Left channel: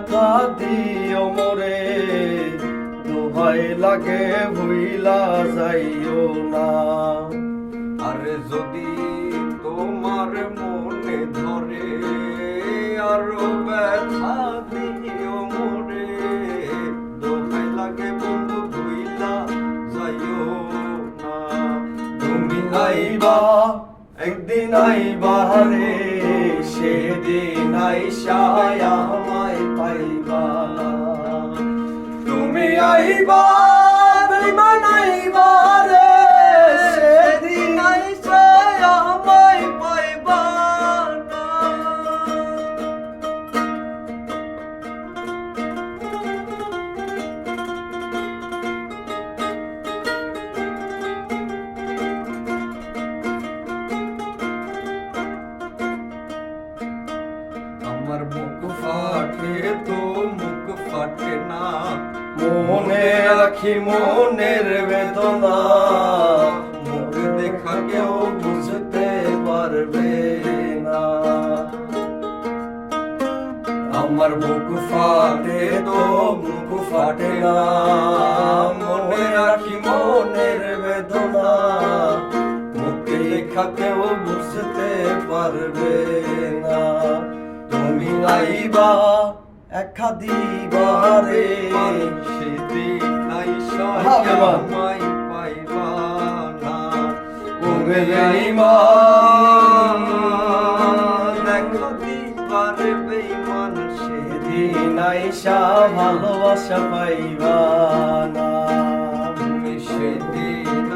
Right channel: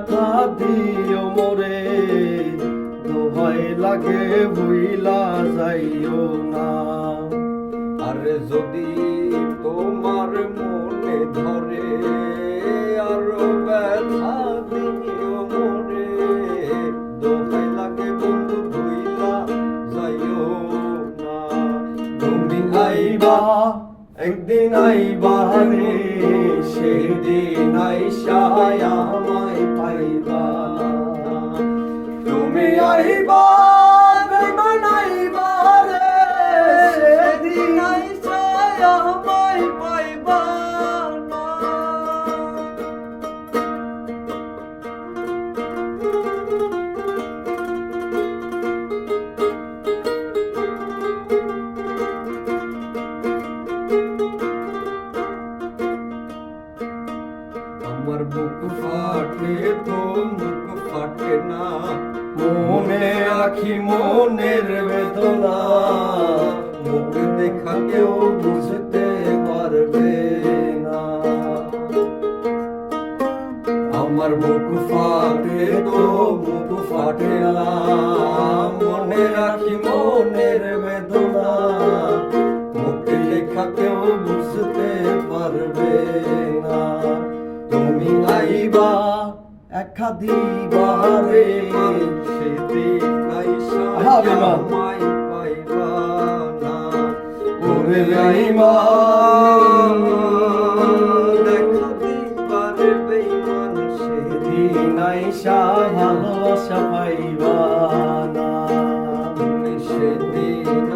দেখা দিও মোরে, দোহাই লাগে ভুইলা যাইও না। আরে যদি তোমার মনে ধরে আরো ব্যথা দিও মোরে, দোহাই লাগে বন্ধু ভুইলা যাইও না। তুমি আইবা একদিন আইবা রে, সেদিন আইসায় আমায় পাইবা না। তুমি আইবা বেঈমান আইবা রে, সেদিন আইসায় আমায় পাইবা না। আমার বুক ফাটে তো মুখ ফাটে না, মনে রাখি মনের বেদনা, মুখ দেখা কেউ বুঝতে পারবে না। আমার বুক ফাটে তো মুখ ফাটে না, মনে রাখি মনের বেদনা, মুখে লেখা কেউ বুঝতে পারবে না। তুমি আইবা একা দিবা রে, সেদিন হবে মা। আমায় পাইবা না। ওরে বেঈমান, দেখা দিবার বেঈমান, সেদিন আইসা ভালোবাসা পাইবা না। তুমি সেদিন